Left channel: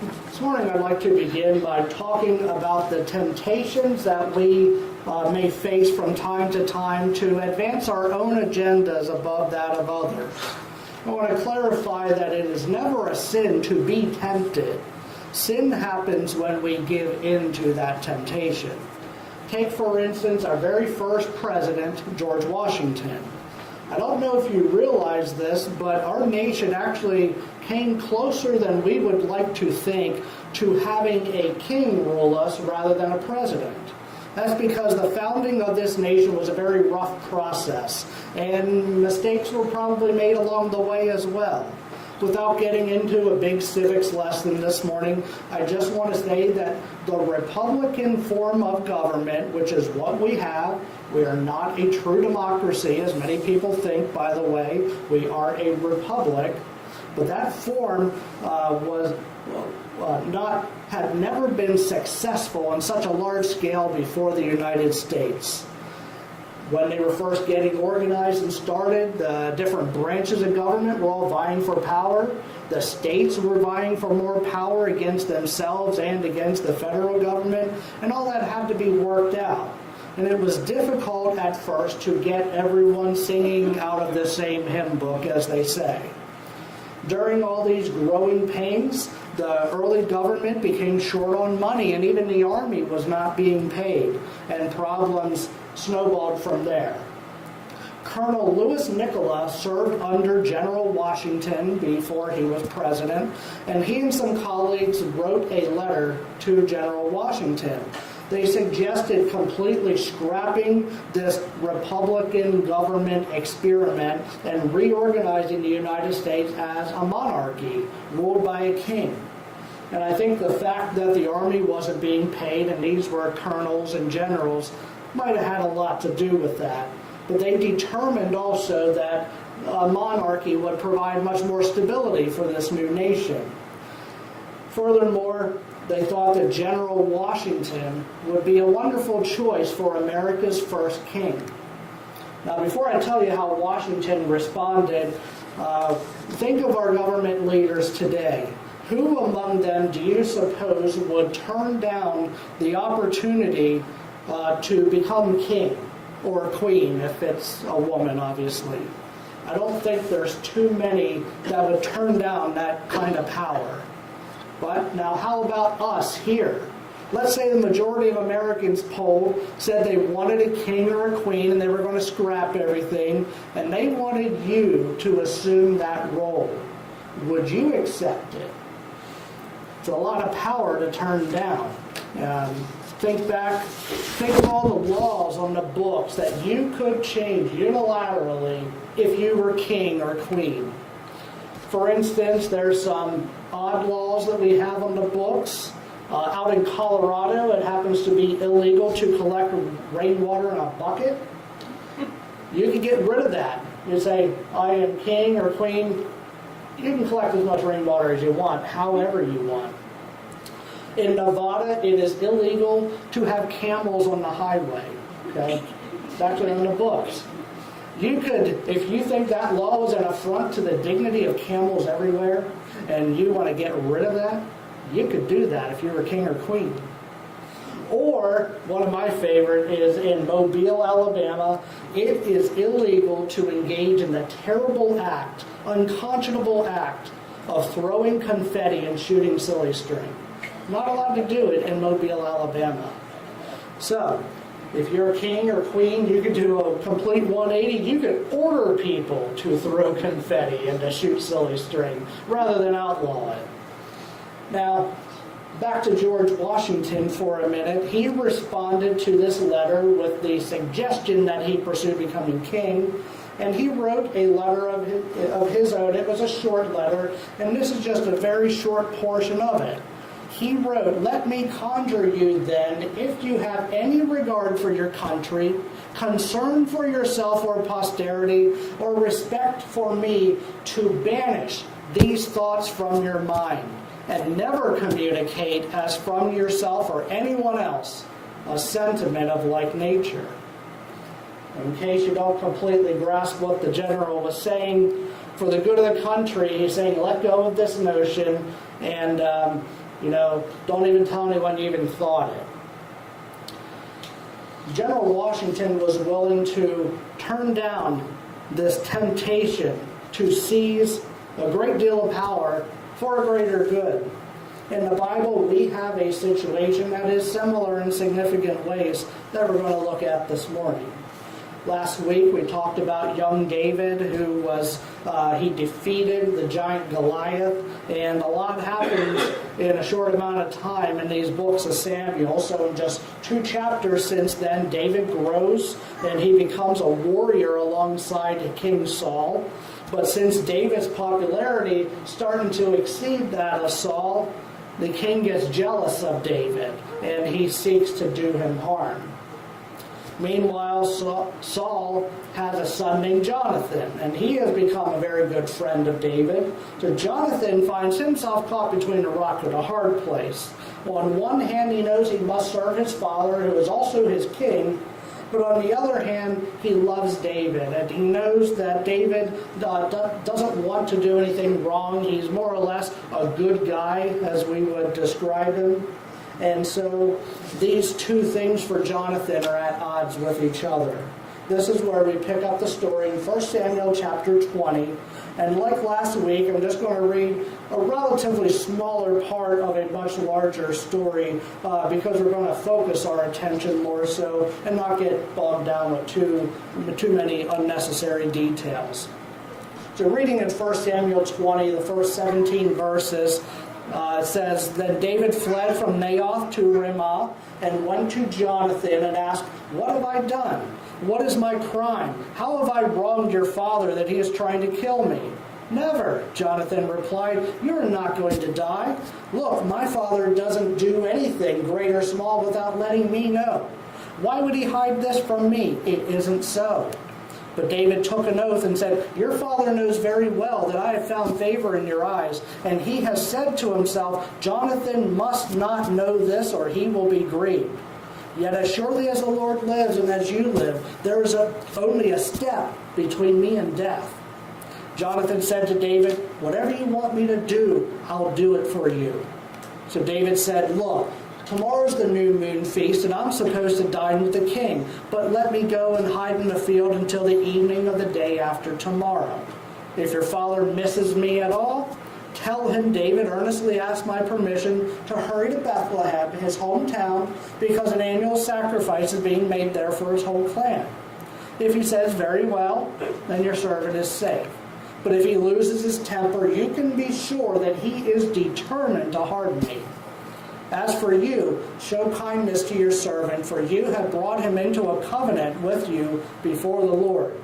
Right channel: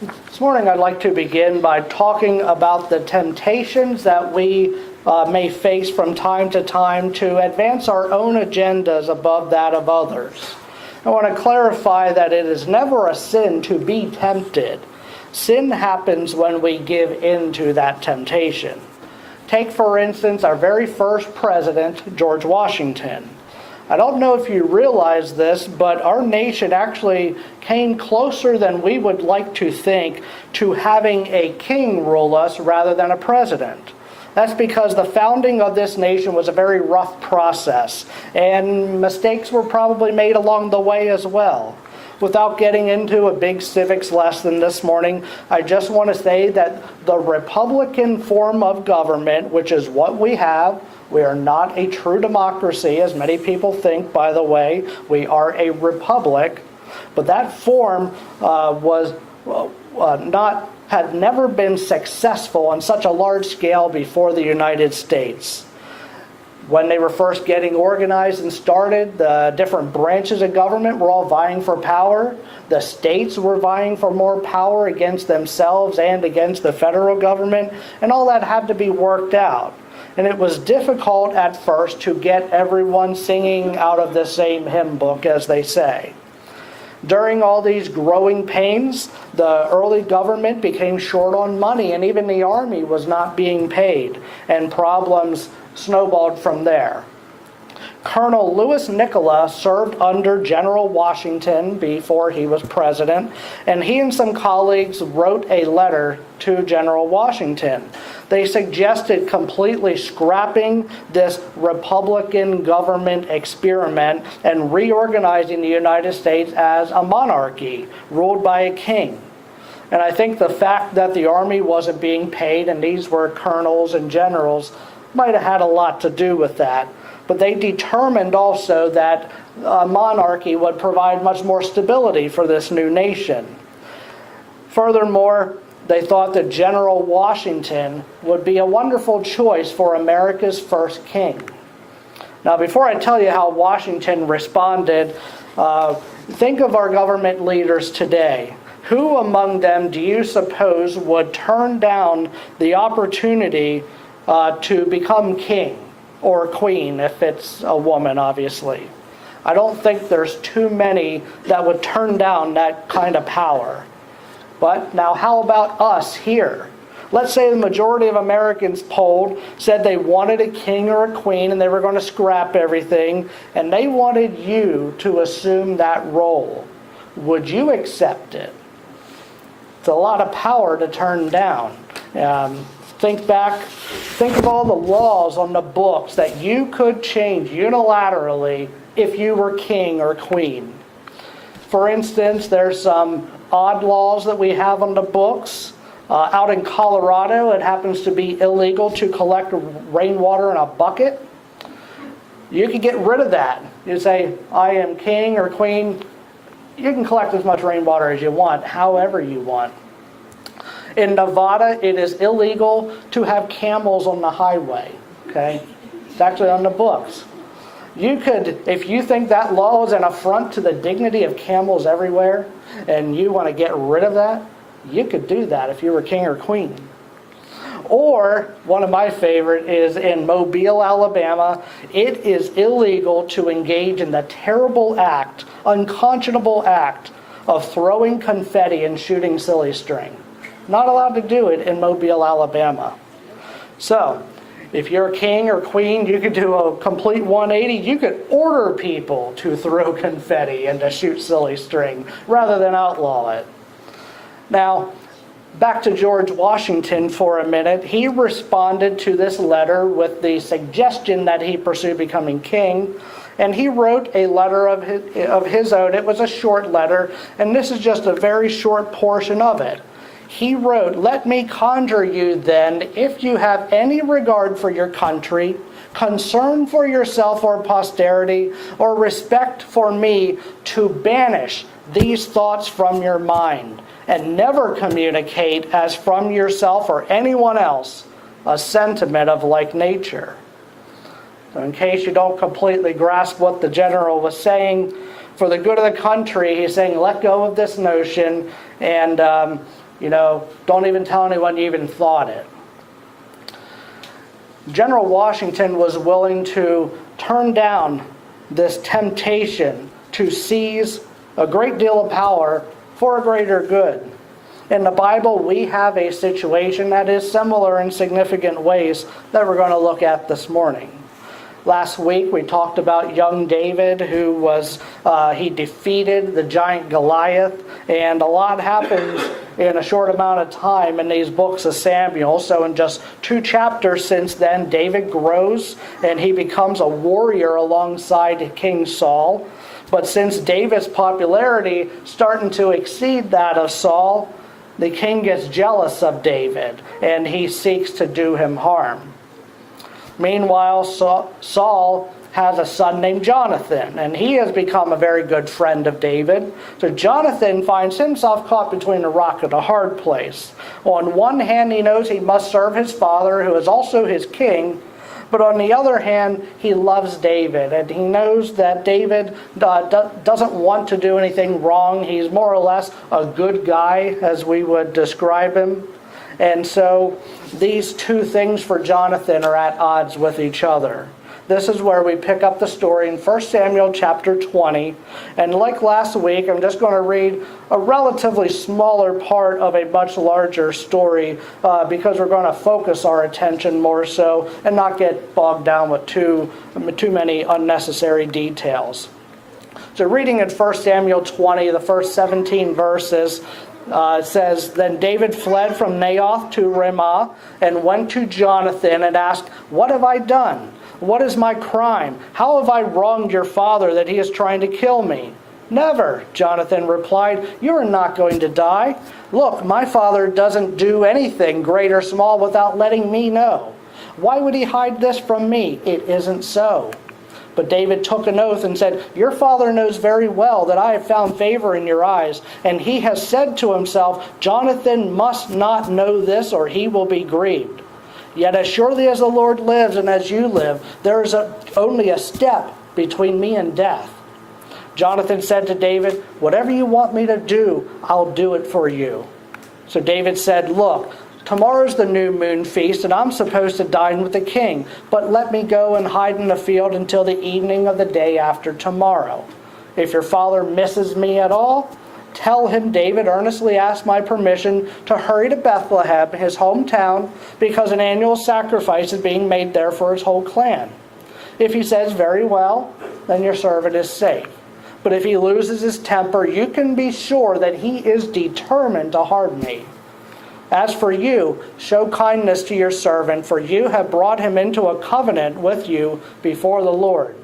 This morning I'd like to begin by talking about the temptations that we may face from time to time to advance our own agendas above that of others. I want to clarify that it is never a sin to be tempted. Sin happens when we give in to that temptation. Take, for instance, our very first president, George Washington. I don't know if you realize this, but our nation actually came closer than we would like to think to having a king rule us rather than a president. That's because the founding of this nation was a very rough process, and mistakes were probably made along the way as well. Without getting into a big civics lesson this morning, I just want to say that the Republican form of government, which is what we have, we are not a true democracy, as many people think, by the way. We are a republic. But that form had never been successful on such a large scale before the United States. When they were first getting organized and started, the different branches of government were all vying for power. The states were vying for more power against themselves and against the federal government, and all that had to be worked out. And it was difficult at first to get everyone singing out of the same hymn book, as they say. During all these growing pains, the early government became short on money, and even the army was not being paid, and problems snowballed from there. Colonel Louis Nicola served under General Washington before he was president, and he and some colleagues wrote a letter to General Washington. They suggested completely scrapping this Republican government experiment and reorganizing the United States as a monarchy ruled by a king. And I think the fact that the army wasn't being paid, and these were colonels and generals, might have had a lot to do with that. But they determined also that a monarchy would provide much more stability for this new nation. Furthermore, they thought that General Washington would be a wonderful choice for America's first king. Now, before I tell you how Washington responded, think of our government leaders today. Who among them do you suppose would turn down the opportunity to become king or queen, if it's a woman, obviously? I don't think there's too many that would turn down that kind of power. But now how about us here? Let's say the majority of Americans polled said they wanted a king or a queen and they were going to scrap everything, and they wanted you to assume that role. Would you accept it? It's a lot of power to turn down. Think of all the laws on the books that you could change unilaterally if you were king or queen. For instance, there's some odd laws that we have on the books. Out in Colorado, it happens to be illegal to collect rainwater in a bucket. You can get rid of that. You say, I am king or queen. You can collect as much rainwater as you want, however you want. In Nevada, it is illegal to have camels on the highway. Okay? It's actually on the books. You could, if you think that law is an affront to the dignity of camels everywhere, and you want to get rid of that, you could do that if you were king or queen. Or, one of my favorite is in Mobile, Alabama, it is illegal to engage in the terrible act, unconscionable act, of throwing confetti and shooting silly string. Not allowed to do it in Mobile, Alabama. So, if you're a king or queen, you could do a complete 180. You could order people to throw confetti and to shoot silly string rather than outlaw it. Now, back to George Washington for a minute. He responded to this letter with the suggestion that he pursue becoming king, and he wrote a letter of his own. It was a short letter, and this is just a very short portion of it. He wrote, "Let me conjure you then, if you have any regard for your country, concern for yourself or posterity, or respect for me, to banish these thoughts from your mind, and never communicate as from yourself or anyone else a sentiment of like nature." So in case you don't completely grasp what the general was saying, for the good of the country, he's saying let go of this notion and Don't even tell anyone you even thought it. General Washington was willing to turn down this temptation to seize a great deal of power for a greater good. In the Bible, we have a situation that is similar in significant ways that we're going to look at this morning. Last week, we talked about young David, who he defeated the giant Goliath, and a lot happens in a short amount of time in these books of Samuel. So in just 2 chapters since then, David grows, and he becomes a warrior alongside King Saul. But since David's popularity starting to exceed that of Saul, the king gets jealous of David, and he seeks to do him harm. Meanwhile, Saul has a son named Jonathan, and he has become a very good friend of David. So Jonathan finds himself caught between a rock and a hard place. On one hand, he knows he must serve his father, who is also his king, but on the other hand, he loves David, and he knows that David doesn't want to do anything wrong. He's more or less a good guy, as we would describe him. And so these two things for Jonathan are at odds with each other. This is where we pick up the story in 1 Samuel chapter 20. And like last week, I'm just going to read a relatively smaller part of a much larger story because we're going to focus our attention more so and not get bogged down with too many unnecessary details. So reading in 1 Samuel 20, the first 17 verses, it says, Then David fled from Naioth to Ramah and went to Jonathan and asked, What have I done? What is my crime? How have I wronged your father that he is trying to kill me? Never, Jonathan replied. You are not going to die. Look, my father doesn't do anything, great or small, without letting me know. Why would he hide this from me? It isn't so. But David took an oath and said, Your father knows very well that I have found favor in your eyes, and he has said to himself, Jonathan must not know this, or he will be grieved. Yet as surely as the Lord lives and as you live, there is only a step between me and death. Jonathan said to David, Whatever you want me to do, I'll do it for you. So David said, Look, tomorrow's the new moon feast, and I'm supposed to dine with the king. But let me go and hide in the field until the evening of the day after tomorrow. If your father misses me at all, tell him David earnestly asked my permission to hurry to Bethlehem, his hometown, because an annual sacrifice is being made there for his whole clan. If he says, Very well, then your servant is safe. But if he loses his temper, you can be sure that he is determined to harm me. As for you, show kindness to your servant, for you have brought him into a covenant with you before the Lord.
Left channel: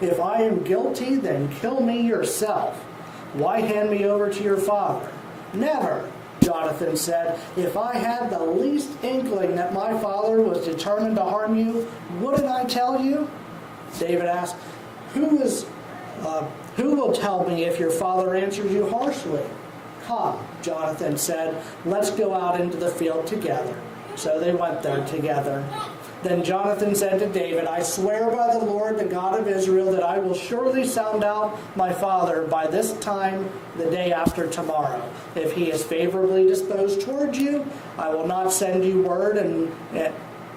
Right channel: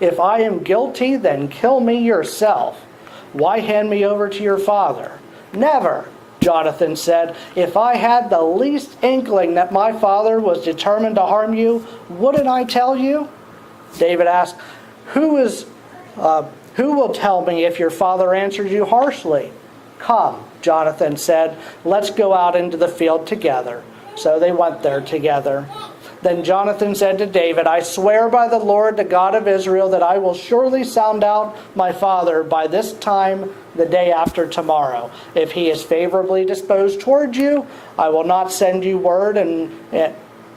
If I am guilty, then kill me yourself. Why hand me over to your father? Never, Jonathan said. If I had the least inkling that my father was determined to harm you, wouldn't I tell you? David asked, Who will tell me if your father answers you harshly? Come, Jonathan said, let's go out into the field together. So they went there together. Then Jonathan said to David, I swear by the Lord, the God of Israel, that I will surely sound out my father by this time the day after tomorrow. If he is favorably disposed toward you, I will not send you word and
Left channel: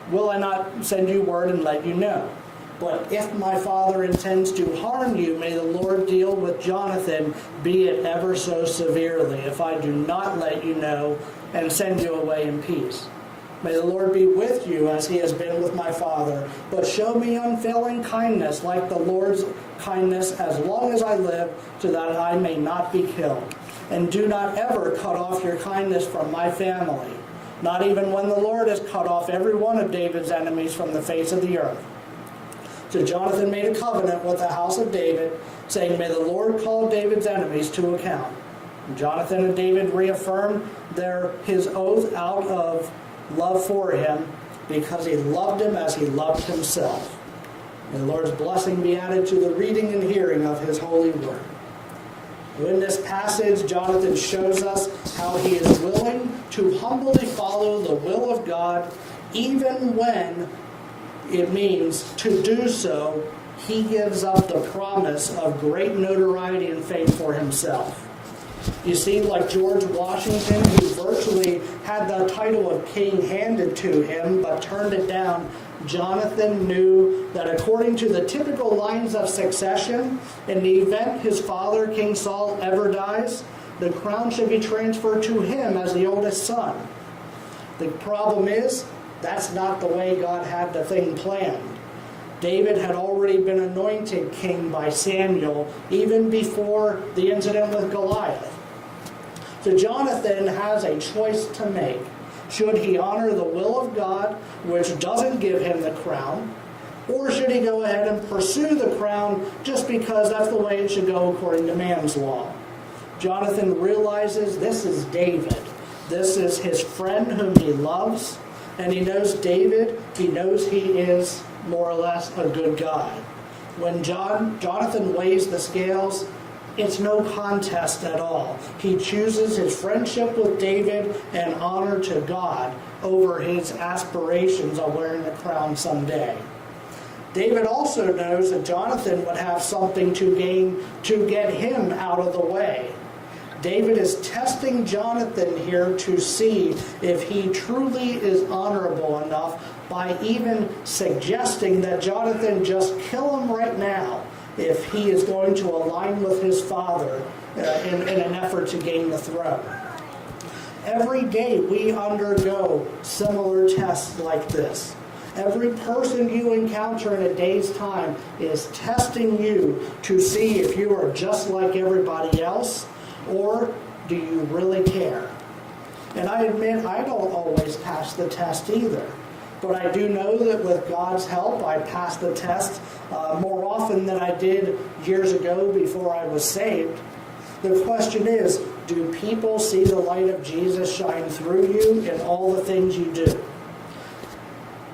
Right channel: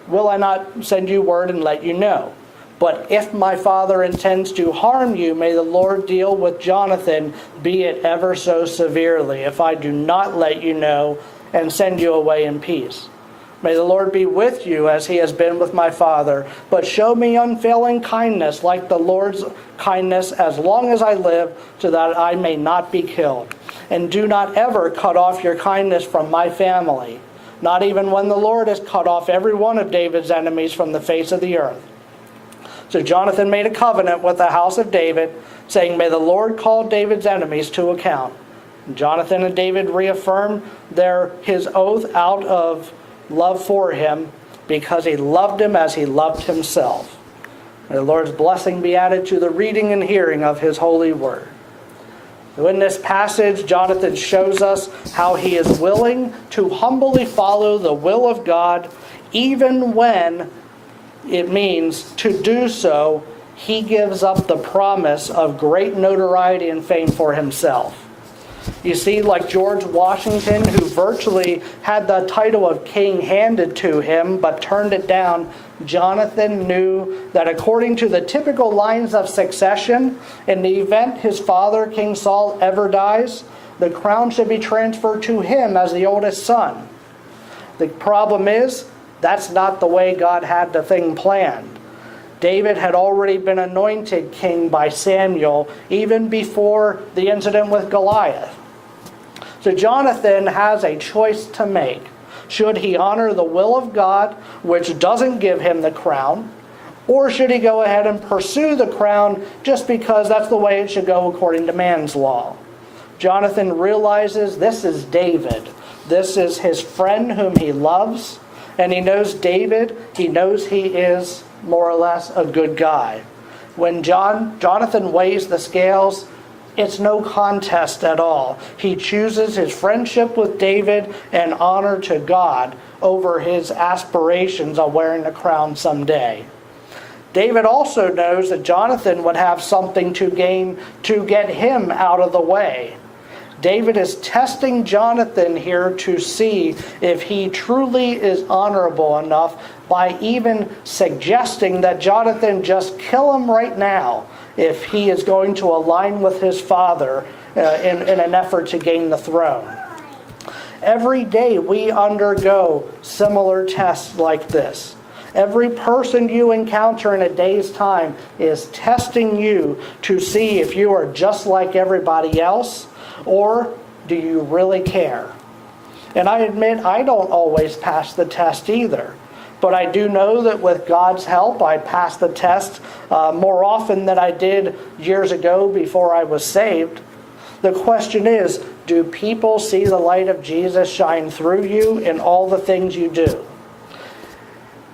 let you know. But if my father intends to harm you, may the Lord deal with Jonathan, be it ever so severely, if I do not let you know and send you away in peace. May the Lord be with you as he has been with my father, but show me unfailing kindness like the Lord's kindness as long as I live, so that I may not be killed. And do not ever cut off your kindness from my family, not even when the Lord has cut off every one of David's enemies from the face of the earth. So Jonathan made a covenant with the house of David, saying, May the Lord call David's enemies to account. And Jonathan and David reaffirmed his oath out of love for him, because he loved him as he loved himself. May the Lord's blessing be added to the reading and hearing of his holy word. So in this passage, Jonathan shows us how he is willing to humbly follow the will of God, even when it means to do so, he gives up the promise of great notoriety and fame for himself. You see, like George Washington, who virtually had the title of king handed to him but turned it down, Jonathan knew that according to the typical lines of succession, in the event his father, King Saul, ever dies, the crown should be transferred to him as the oldest son. The problem is, that's not the way God had the thing planned. David had already been anointed king by Samuel even before the incident with Goliath. So Jonathan has a choice to make. Should he honor the will of God, which doesn't give him the crown, or should he go ahead and pursue the crown just because that's the way it should go according to man's law? Jonathan realizes this is David. This is his friend whom he loves, and he knows David. He knows he is more or less a good guy. When Jonathan weighs the scales, it's no contest at all. He chooses his friendship with David and honor to God over his aspirations of wearing the crown someday. David also knows that Jonathan would have something to gain to get him out of the way. David is testing Jonathan here to see if he truly is honorable enough by even suggesting that Jonathan just kill him right now if he is going to align with his father in an effort to gain the throne. Every day we undergo similar tests like this. Every person you encounter in a day's time is testing you to see if you are just like everybody else, or do you really care? And I admit I don't always pass the test either. But I do know that with God's help, I pass the test more often than I did years ago before I was saved. The question is, do people see the light of Jesus shine through you in all the things you do?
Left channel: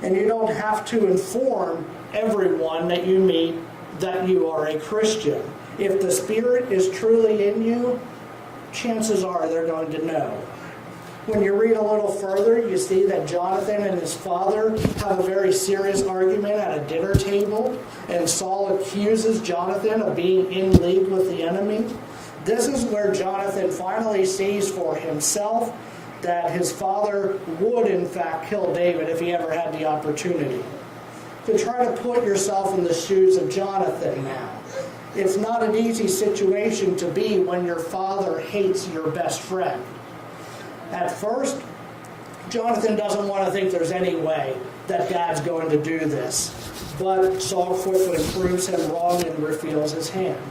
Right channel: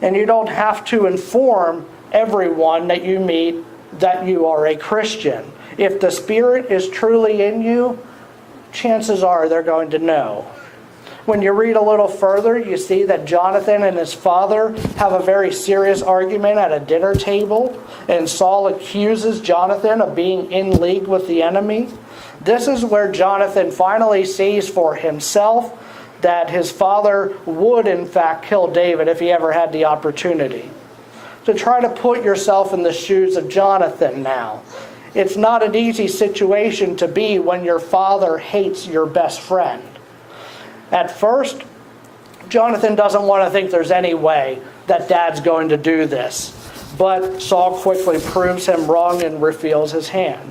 And you don't have to inform everyone that you meet that you are a Christian. If the Spirit is truly in you, chances are they're going to know. When you read a little further, you see that Jonathan and his father have a very serious argument at a dinner table, and Saul accuses Jonathan of being in league with the enemy. This is where Jonathan finally sees for himself that his father would in fact kill David if he ever had the opportunity. So try to put yourself in the shoes of Jonathan now. It's not an easy situation to be when your father hates your best friend. At first, Jonathan doesn't want to think there's any way that Dad's going to do this. But Saul quickly proves him wrong and reveals his hand.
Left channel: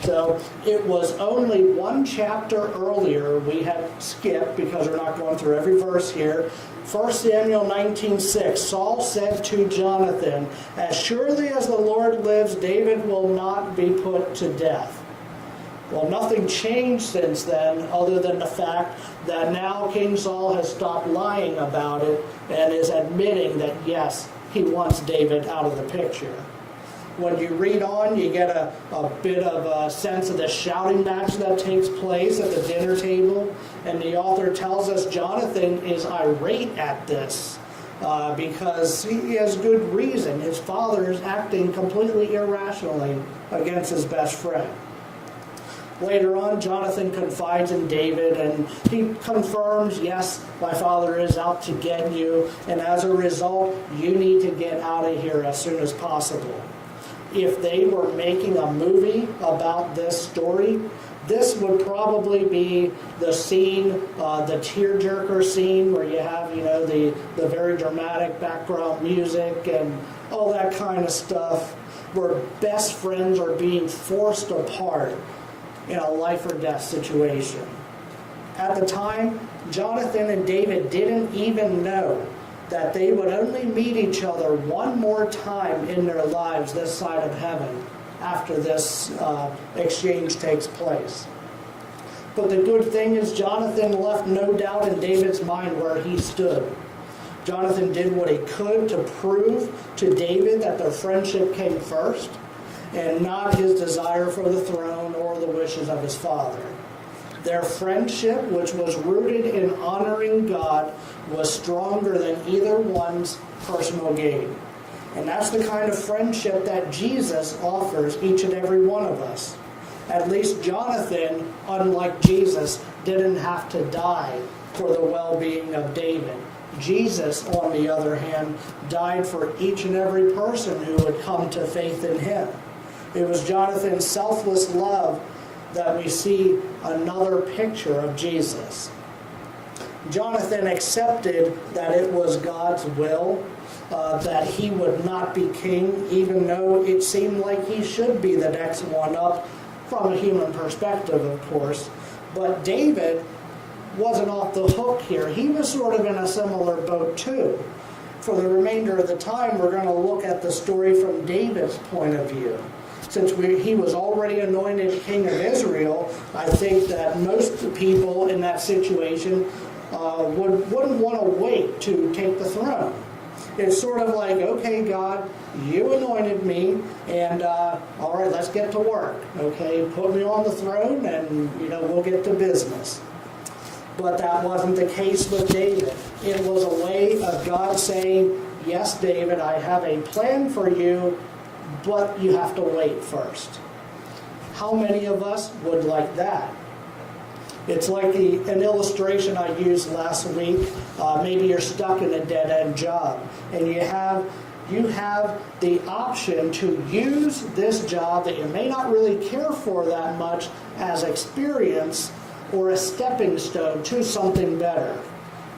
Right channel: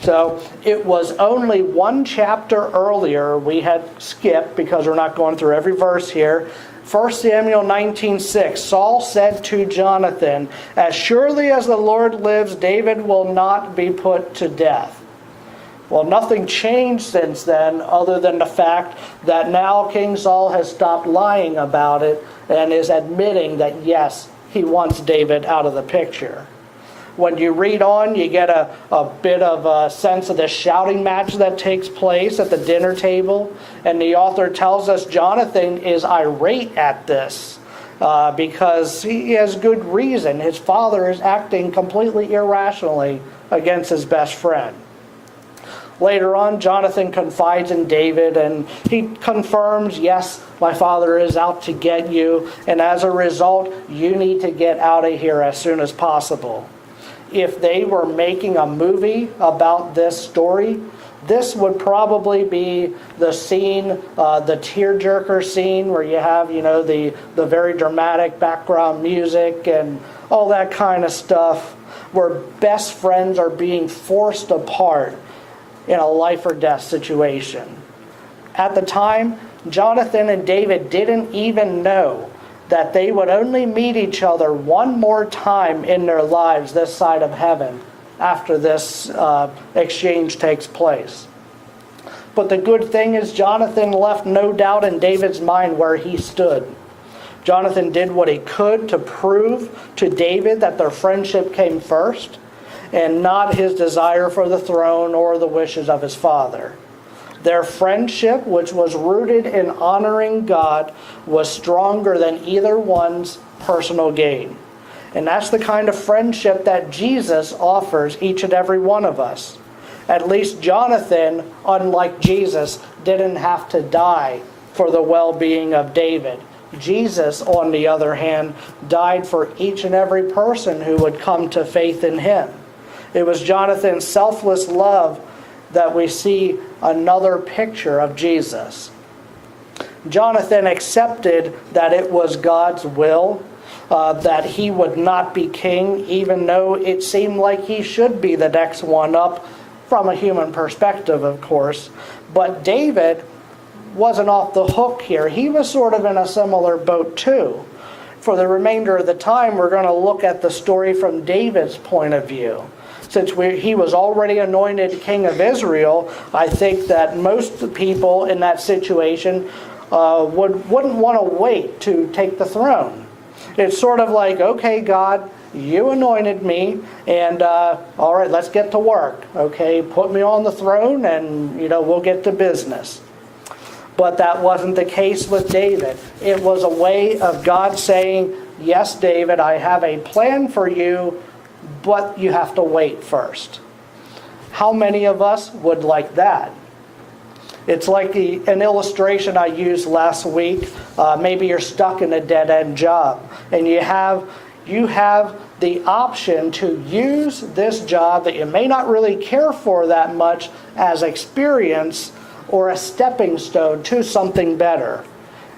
So it was only one chapter earlier we had skipped, because we're not going through every verse here. 1 Samuel 19:6, Saul said to Jonathan, "As surely as the Lord lives, David will not be put to death." Well, nothing changed since then other than the fact that now King Saul has stopped lying about it and is admitting that, yes, he wants David out of the picture. When you read on, you get a bit of a sense of the shouting match that takes place at the dinner table. And the author tells us Jonathan is irate at this because he has good reason. His father is acting completely irrationally against his best friend. Later on, Jonathan confides in David and he confirms, yes, my father is out to get you, and as a result, you need to get out of here as soon as possible. If they were making a movie about this story, this would probably be the scene, the tearjerker scene, where you have, the very dramatic background music and all that kind of stuff, where best friends are being forced apart in a life or death situation. At the time, Jonathan and David didn't even know that they would only meet each other one more time in their lives this side of heaven after this exchange takes place. But the good thing is Jonathan left no doubt in David's mind where he stood. Jonathan did what he could to prove to David that their friendship came first, and not his desire for the throne or the wishes of his father. Their friendship, which was rooted in honoring God, was stronger than either one's personal gain. And that's the kind of friendship that Jesus offers each and every one of us. At least Jonathan, unlike Jesus, didn't have to die for the well-being of David. Jesus, on the other hand, died for each and every person who would come to faith in him. It was Jonathan's selfless love that we see another picture of Jesus. Jonathan accepted that it was God's will, that he would not be king, even though it seemed like he should be the next one up from a human perspective, of course. But David wasn't off the hook here. He was sort of in a similar boat too. For the remainder of the time, we're going to look at the story from David's point of view. Since he was already anointed king of Israel, I think that most people in that situation wouldn't want to wait to take the throne. It's sort of like, okay, God, you anointed me, and all right, let's get to work. Okay, put me on the throne, and we'll get to business. But that wasn't the case with David. It was a way of God saying, yes, David, I have a plan for you, but you have to wait first. How many of us would like that? It's like an illustration I used last week. Maybe you're stuck in a dead-end job, and you have the option to use this job that you may not really care for that much as experience or a stepping stone to something better.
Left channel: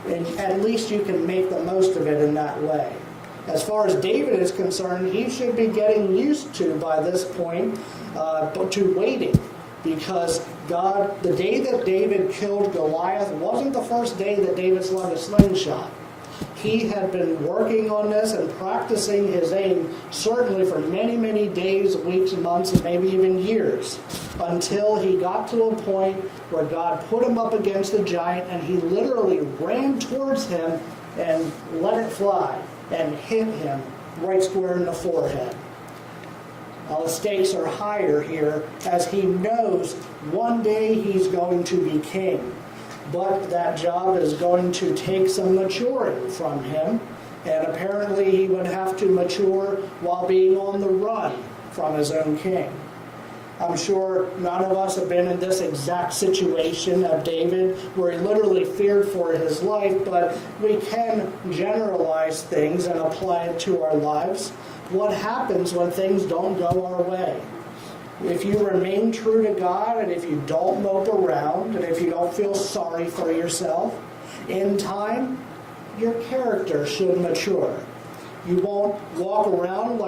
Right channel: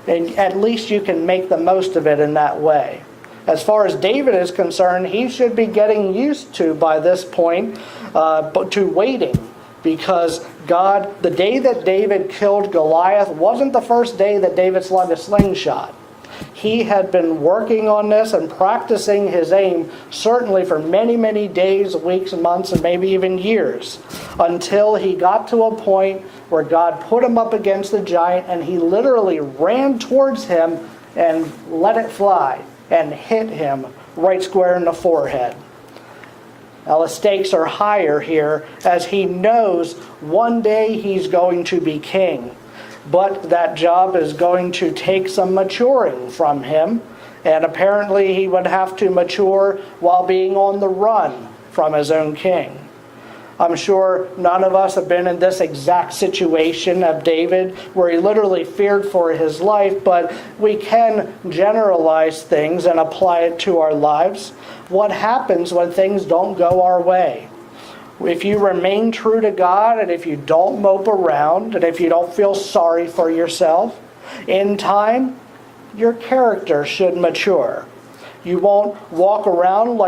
And at least you can make the most of it in that way. As far as David is concerned, he should be getting used to, by this point, to waiting. Because God, the day that David killed Goliath wasn't the first day that David slung a slingshot. He had been working on this and practicing his aim, certainly for many, many days, weeks, months, and maybe even years, until he got to a point where God put him up against the giant, and he literally ran towards him and let it fly and hit him right square in the forehead. Now the stakes are higher here, as he knows one day he's going to be king. But that job is going to take some maturing from him, and apparently he would have to mature while being on the run from his own king. I'm sure none of us have been in this exact situation of David, where he literally feared for his life, but we can generalize things and apply it to our lives. What happens when things don't go our way? If you remain true to God, and if you don't mope around, and if you don't feel sorry for yourself, in time, your character should mature. You won't walk around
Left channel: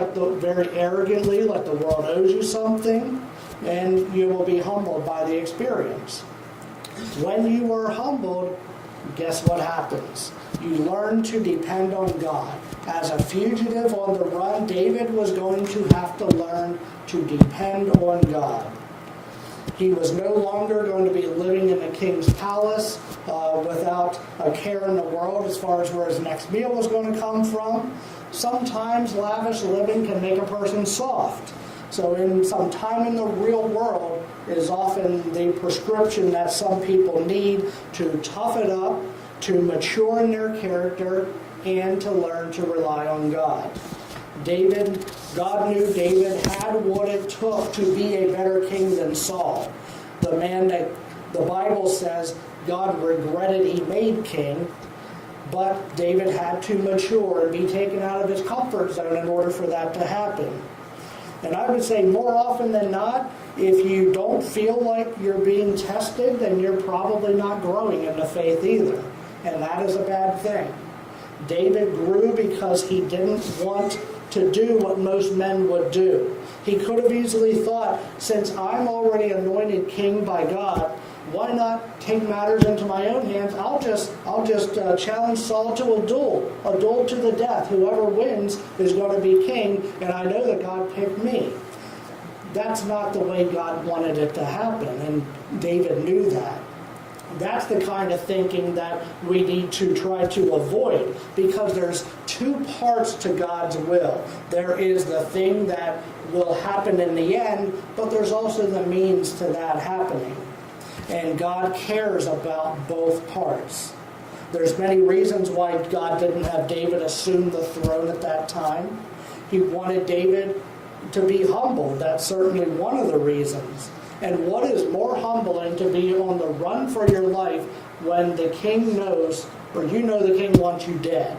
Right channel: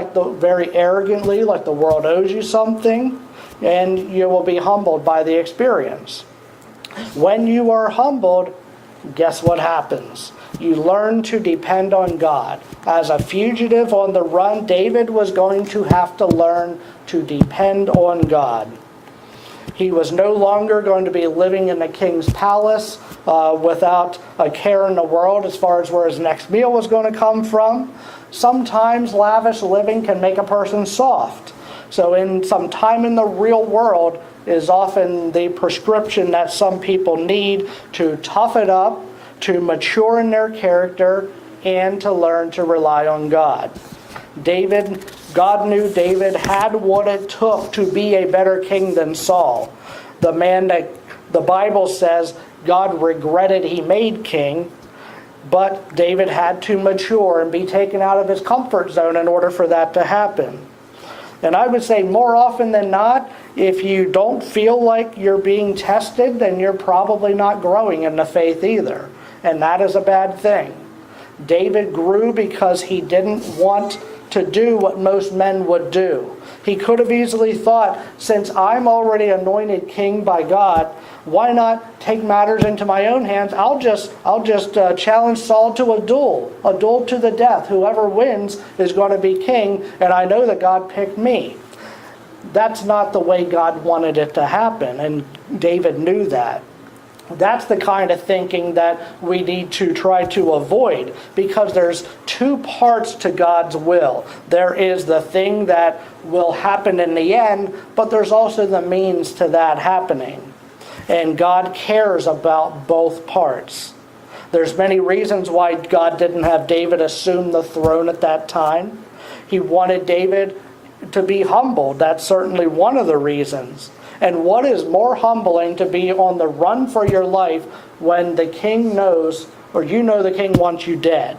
very arrogantly, like the world owes you something, and you will be humbled by the experience. When you are humbled, guess what happens? You learn to depend on God. As a fugitive on the run, David was going to have to learn to depend on God. He was no longer going to be living in the king's palace without a care in the world as far as where his next meal was going to come from. Sometimes lavish living can make a person soft. So in some time in the real world is often the prescription that some people need to tough it up, to mature in their character, and to learn to rely on God. God knew David had what it took to be a better king than Saul, the man that the Bible says God regretted he made king. But David had to mature and be taken out of his comfort zone in order for that to happen. And I would say more often than not, if you don't feel like you're being tested, then you're probably not growing in the faith either. And that is a bad thing. David grew because he didn't want to do what most men would do. He could have easily thought, since I'm already anointed king by God, why not take matters into my own hands? I'll just challenge Saul to a duel to the death. Whoever wins is going to be king, and I know that God picked me. That's not the way God wanted it to happen, and David knew that. That's the kind of thinking that we need to try to avoid, because there's two parts to God's will. There is the thing that will happen in the end, but there's also the means to that happening. And God cares about both parts. There's many reasons why God didn't have David assume the throne at that time. He wanted David to be humbled. That's certainly one of the reasons. And what is more humbling to be on the run for your life when the king knows, or you know the king wants you dead?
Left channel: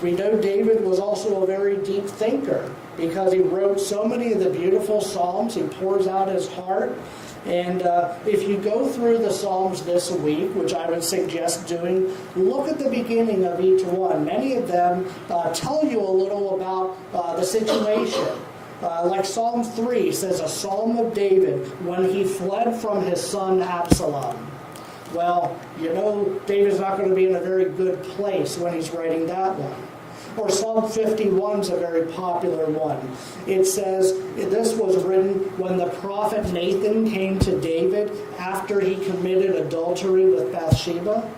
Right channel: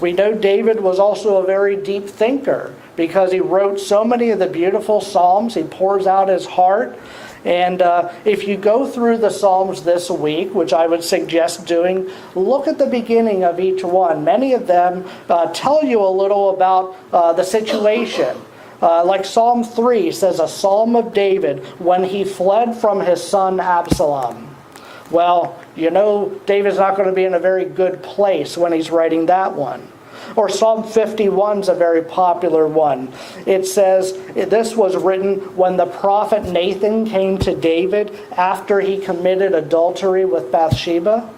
We know David was also a very deep thinker because he wrote so many of the beautiful Psalms. He pours out his heart. And if you go through the Psalms this week, which I would suggest doing, look at the beginning of each one. Many of them tell you a little about the situation. Like Psalm 3 says, a psalm of David when he fled from his son Absalom. Well, you know David's not going to be in a very good place when he's writing that one. Or Psalm 51 is a very popular one. It says, this was written when the prophet Nathan came to David after he committed adultery with Bathsheba.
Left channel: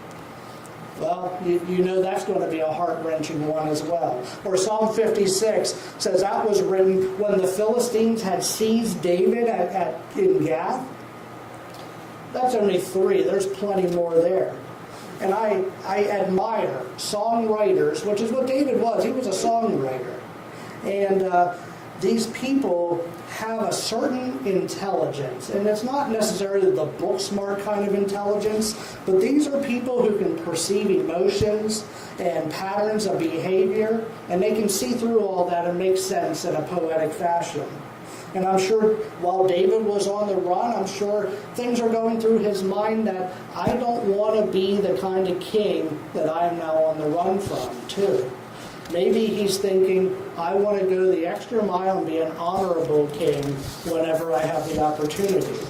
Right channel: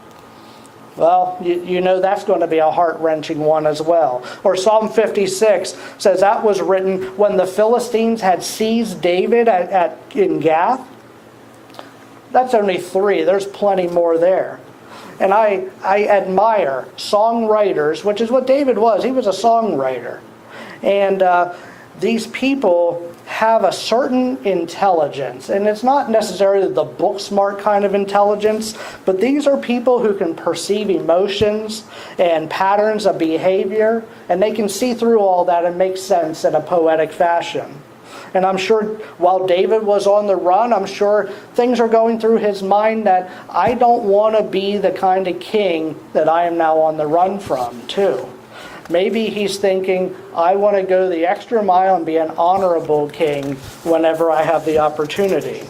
Well, you know that's going to be a heart-wrenching one as well. Or Psalm 56 says that was written when the Philistines had seized David in Gath. That's only 3. There's plenty more there. And I admire songwriters, which is what David was. He was a songwriter. And these people have a certain intelligence. And it's not necessarily the book smart kind of intelligence, but these are people who can perceive emotions and patterns of behavior, and they can see through all that and make sense in a poetic fashion. And I'm sure while David was on the run, I'm sure things are going through his mind that I don't want to be the kind of king that I am now on the run from, too. Maybe he's thinking, I want to go the extra mile and be an honorable king whenever I have the opportunity.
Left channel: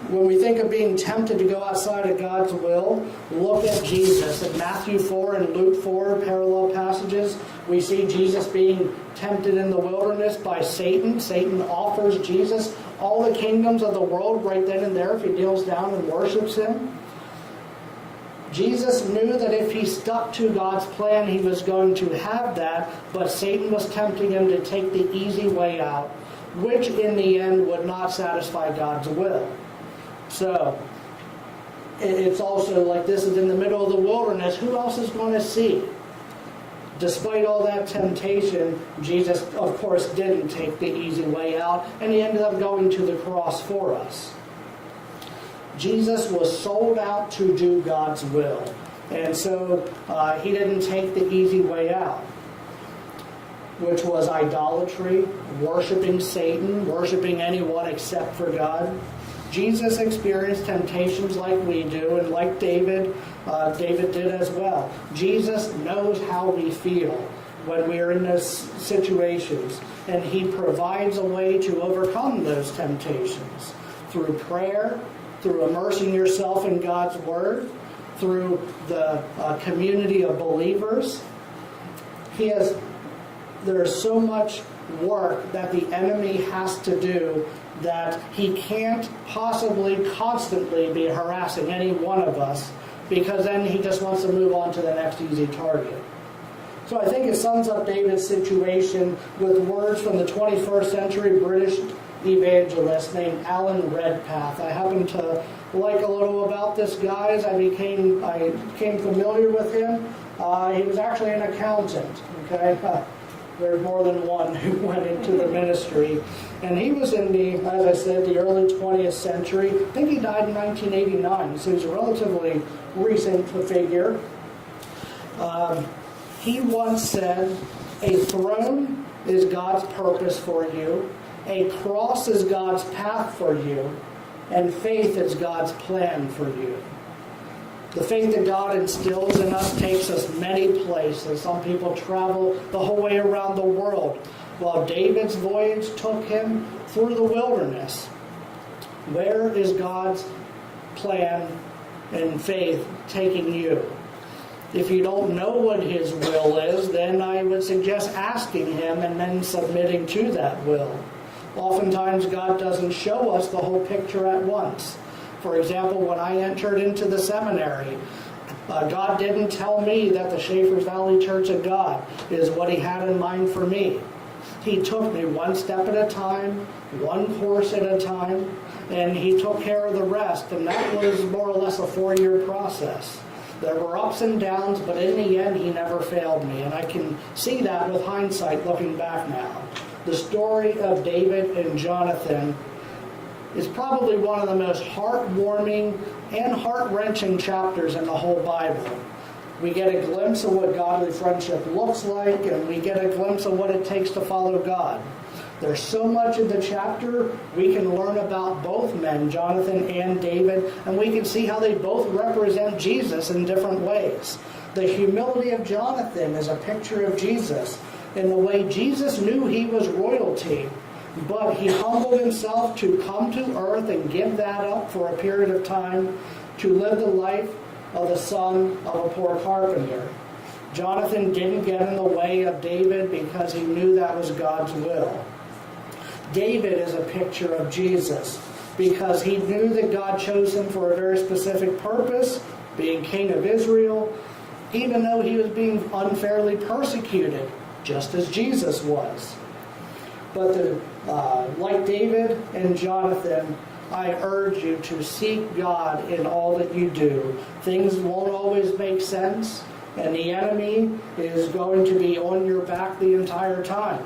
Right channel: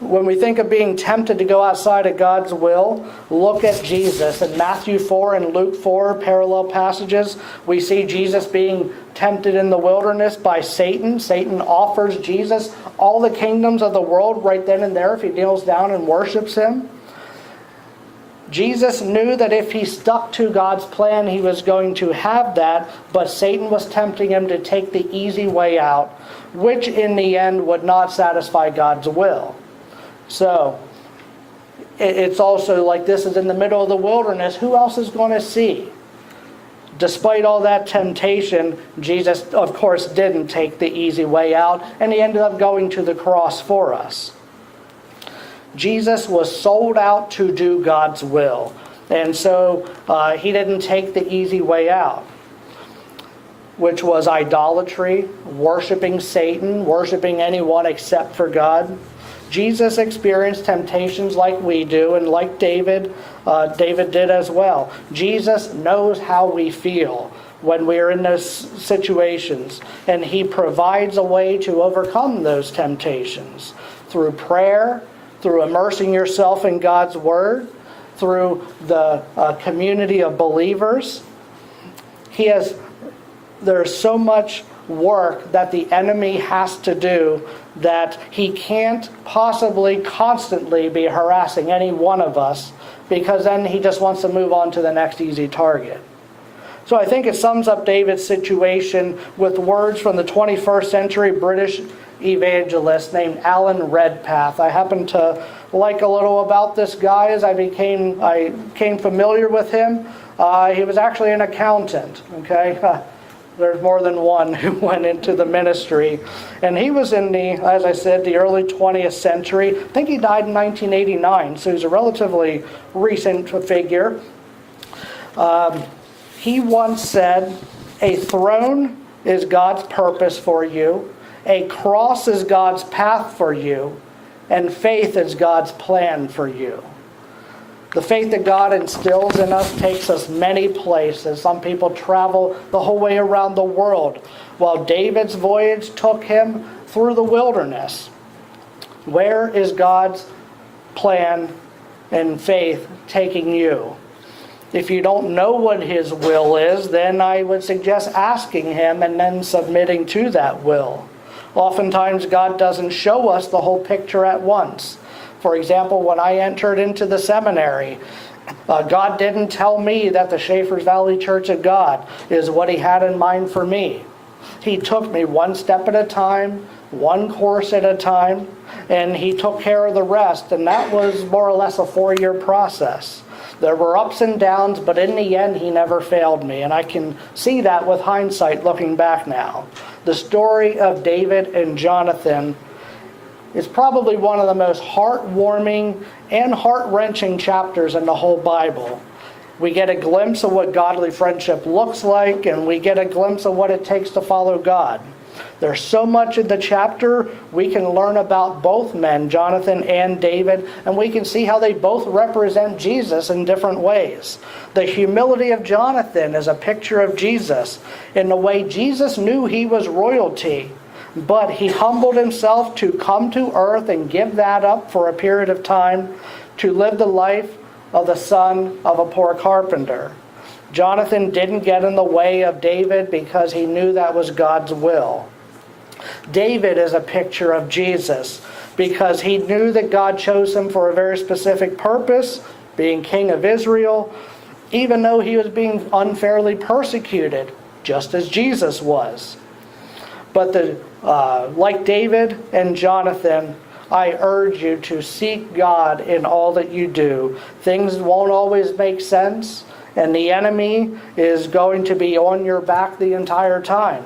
When we think of being tempted to go outside of God's will, look at Jesus. In Matthew 4 and Luke 4, parallel passages, we see Jesus being tempted in the wilderness by Satan. Satan offers Jesus all the kingdoms of the world right then and there if he kneels down and worships him. Jesus knew that if he stuck to God's plan, he was going to have that, but Satan was tempting him to take the easy way out, which in the end would not satisfy God's will. So, it's also like this is in the middle of the wilderness. Who else is going to see? Despite all that temptation, Jesus, of course, didn't take the easy way out, and he ended up going to the cross for us. Jesus was sold out to do God's will, and so he didn't take the easy way out, which was idolatry, worshiping Satan, worshiping anyone except for God. Jesus experienced temptations like we do, and like David did as well. Jesus knows how we feel when we are in those situations, and he provides a way to overcome those temptations through prayer, through immersing yourself in God's Word, through the community of believers. There's so much work that the enemy has to do that he can't possibly constantly be harassing any one of us, because then he just wants to move on to the next easy target. So I think it sums up David's situation with words from the 21st century British evangelist named Alan Redpath. I happen to like a little about this guy as I became familiar with him. He was actually an accountant, okay? There's more than one who went into the ministry. And he was in as I said, the early 20th century. I think he died in 1989, so he's a relatively recent figure. He once said, "A throne is God's purpose for you, a cross is God's path for you, and faith is God's plan for you." The faith that God instills in us takes us many places. Some people travel the whole way around the world, while David's voyage took him through the wilderness. Where is God's plan and faith taking you? If you don't know what his will is, then I would suggest asking him and then submitting to that will. Oftentimes God doesn't show us the whole picture at once. For example, when I entered into the seminary, God didn't tell me that the Schaefer's Valley Church of God is what he had in mind for me. He took me one step at a time, one course at a time, and he took care of the rest. And that was more or less a 4-year process. There were ups and downs, but in the end, he never failed me. And I can see that with hindsight looking back now. the story of David and Jonathan is probably one of the most heartwarming and heart-wrenching chapters in the whole Bible. We get a glimpse of what godly friendship looks like, and we get a glimpse of what it takes to follow God. There's so much in the chapter we can learn about both men, Jonathan and David, and we can see how they both represent Jesus in different ways. The humility of Jonathan is a picture of Jesus in the way Jesus knew he was royalty, but he humbled himself to come to earth and give that up for a period of time to live the life of the son of a poor carpenter. Jonathan didn't get in the way of David because he knew that was God's will. David is a picture of Jesus because he knew that God chose him for a very specific purpose, being king of Israel, even though he was being unfairly persecuted, just as Jesus was. But like David and Jonathan, I urge you to seek God in all that you do. Things won't always make sense, and the enemy is going to be on your back the entire time.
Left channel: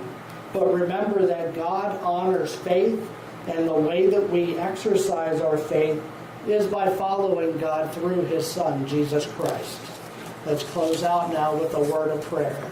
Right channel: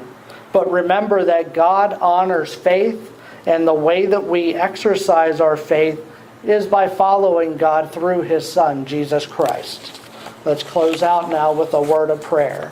But remember that God honors faith, and the way that we exercise our faith is by following God through His Son, Jesus Christ. Let's close out now with a word of prayer.